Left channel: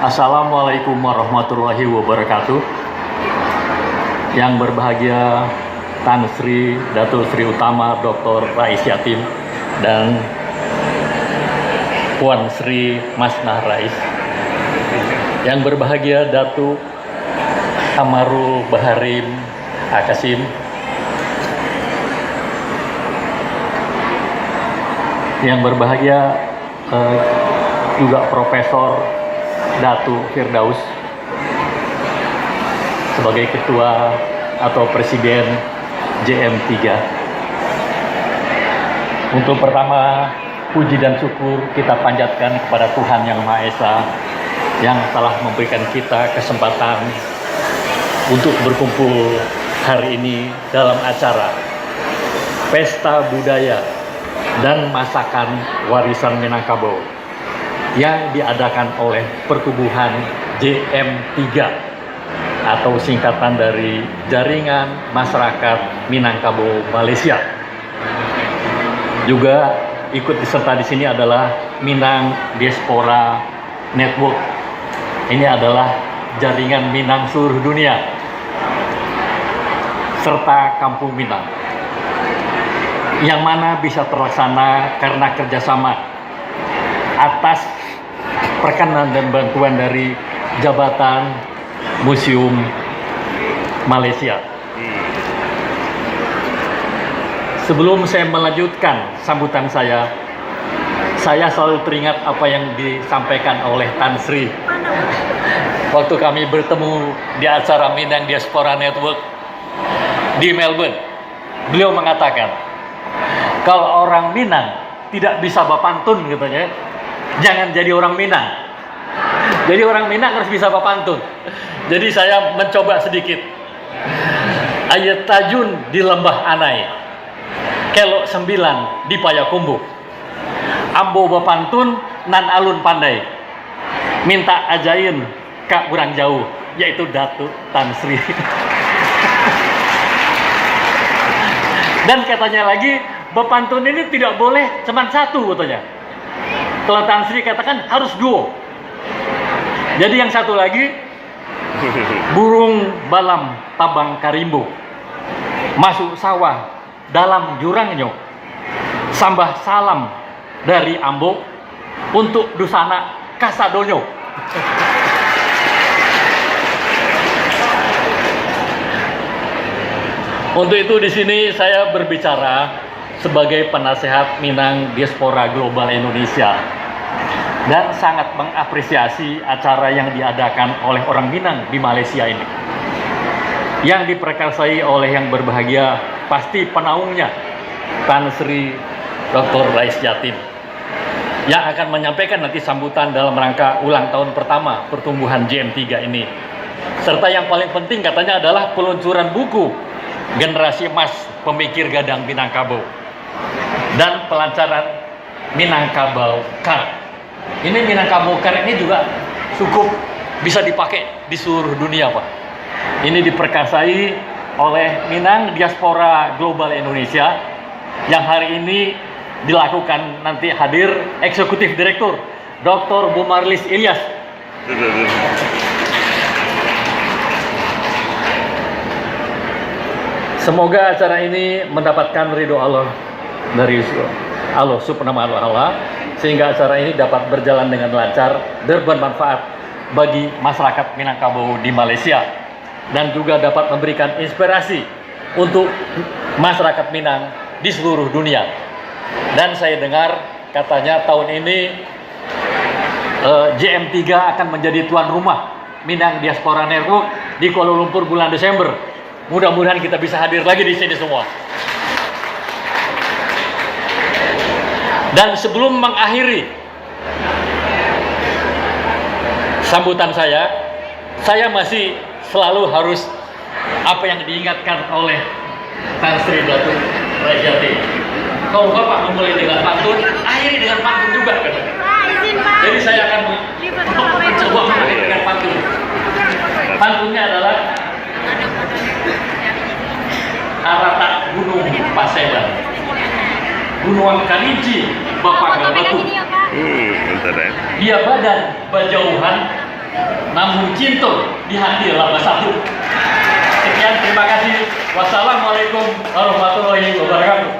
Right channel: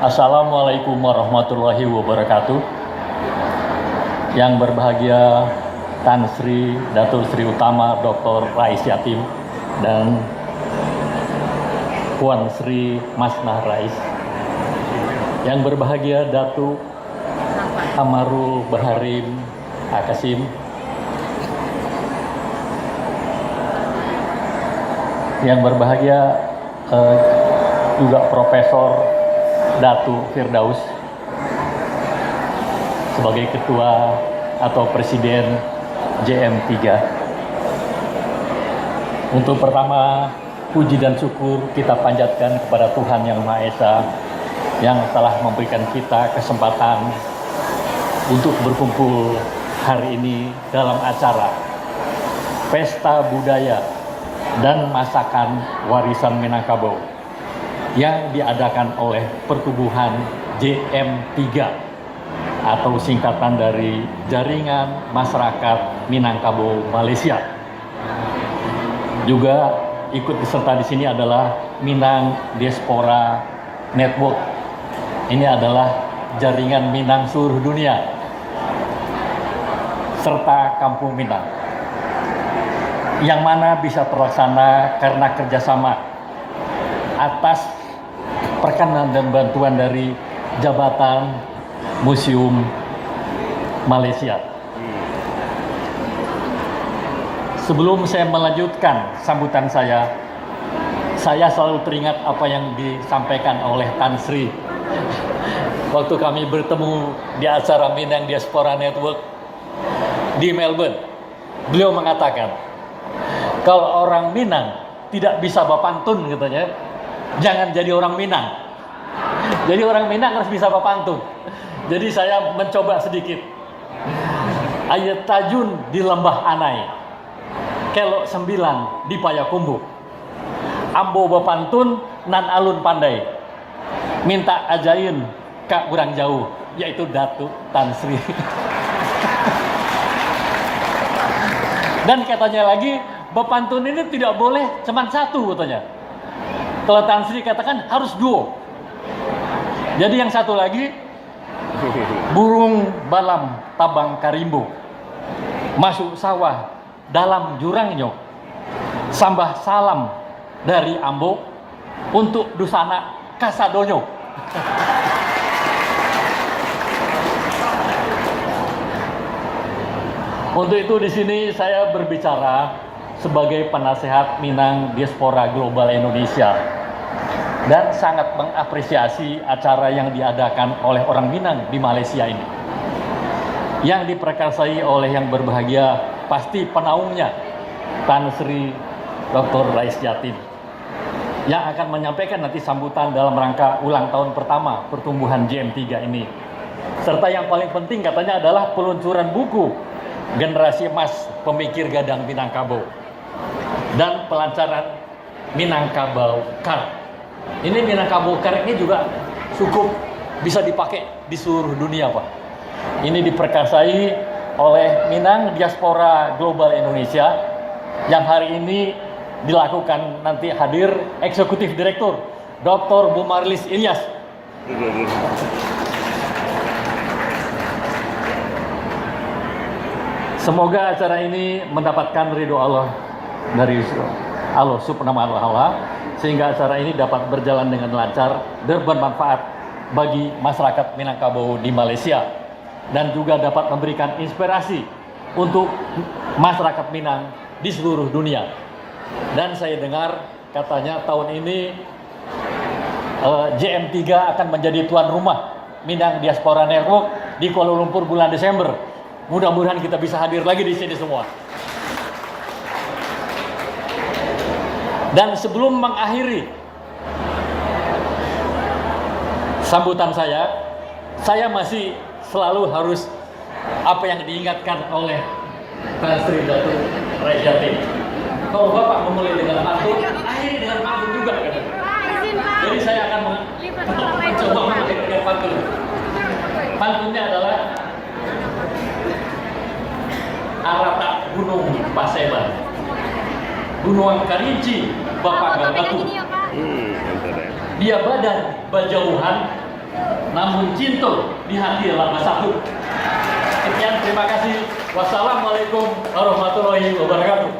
Assalamualaikum warahmatullahi wabarakatuh. Yang berbahagia Tan Sri Datuk Sri Utama Dr. Rais Yatim dan Puan Sri Masnah Rais. Yang berbahagia Datuk Amarul Baharim Akasim. Yang berbahagia juga Profesor Datu Firdaus sebagai Ketua atau Presiden JM3. Untuk pertama, puji dan syukur kita panjatkan kepada Tuhan Yang Maha Esa yang telah memberikan kita kesempatan untuk berkumpul hari ini dalam acara Pesta Budaya dan Masakan Warisan Minangkabau yang diadakan oleh Pertubuhan JM3 atau singkatan dari Jaringan Masyarakat Minangkabau Malaysia. Juga ikut diserta di sini adalah Minang Diaspora Network. Ini adalah jaringan Minang seluruh dunia serta Kampung Minang yang mana bisa terlaksana karena kerjasama atas perkenan dan bantuan dari Jabatan Museum Malaysia. Sebelum saya melanjutkan sambutan saya selalu teringat apa yang disampaikan oleh Tan Sri waktu kami bertemu di acara Minang Diaspora Network di Melbourne. Beliau mengatakan, kalau orang Minang tidak bisa bapantun katanya, jangan jadi orang Minang. Jadi orang Minang harus bisa bapantun. Jadi saya mencoba sedikit. Ayat tajun di lembah Anai, kelok 9 di Payakumbuh. Ambo bapantun nan alun pandai, minta ajain kak kurang jauh, yaitu Datuk Tan Sri. Dan katanya lagi, bapantun ini tidak boleh cuma satu katanya. Kalau Tan Sri katakan harus duo. Jadi yang satu lagi, burung balam tabang karimbo, masuk sawah dalam jurangnya, sambah salam dari Ambo untuk Dusana Kasadonyo. Untuk itu di sini saya berbicara sebagai penasehat Minang Diaspora Global Indonesia dan sangat mengapresiasi acara yang diadakan oleh orang Minang di Malaysia ini, yang diperkarsai oleh yang berbahagia pasti penaungnya Tan Sri Dr. Rais Yatim, yang akan menyampaikan nanti sambutan dalam rangka ulang tahun pertama pertumbuhan JM3 ini. Serta yang paling penting katanya adalah peluncuran buku Generasi Emas Pemikir Gadang Minangkabau dan pelancaran Minangkabau Card. Ini Minangkabau Card ini juga cukup bisa dipakai di seluruh dunia, Pak. Ini diperkasai oleh Minang Diaspora Global Indonesia yang hari ini dilakukan nanti hadir Eksekutif Direktur Dr. Bumarlis Ilyas. Semoga acara ini mendapatkan ridho Allah dari Allah Subhanahu wa Ta'ala, sehingga acara ini dapat berjalan dengan lancar dan bermanfaat bagi masyarakat Minangkabau di Malaysia, dan juga dapat memberikan inspirasi untuk masyarakat Minang di seluruh dunia. Dan saya dengar katanya tahun ini JM3 akan menjadi tuan rumah Minang Diaspora Network di Kuala Lumpur bulan Desember. Mudah-mudahan kita bisa hadir lagi di sini semua. Dan sebelum mengakhiri sambutan saya masih selalu harus apa yang diingatkan oleh Tan Sri Datuk Rais Yatim. Kalau Bapak memulai dengan pantun, akhiri dengan pantun juga. Jadi saya akan mencoba mengakhiri dengan pantun. Pantunnya adalah Arata Gunung Pasedan, Gunung Kalinci, Bapak Galbatu, Bentar ya. Dia badan berjauhan, namun cinta di hati lama satu. Sekian, terima kasih. Wassalamualaikum warahmatullahi wabarakatuh.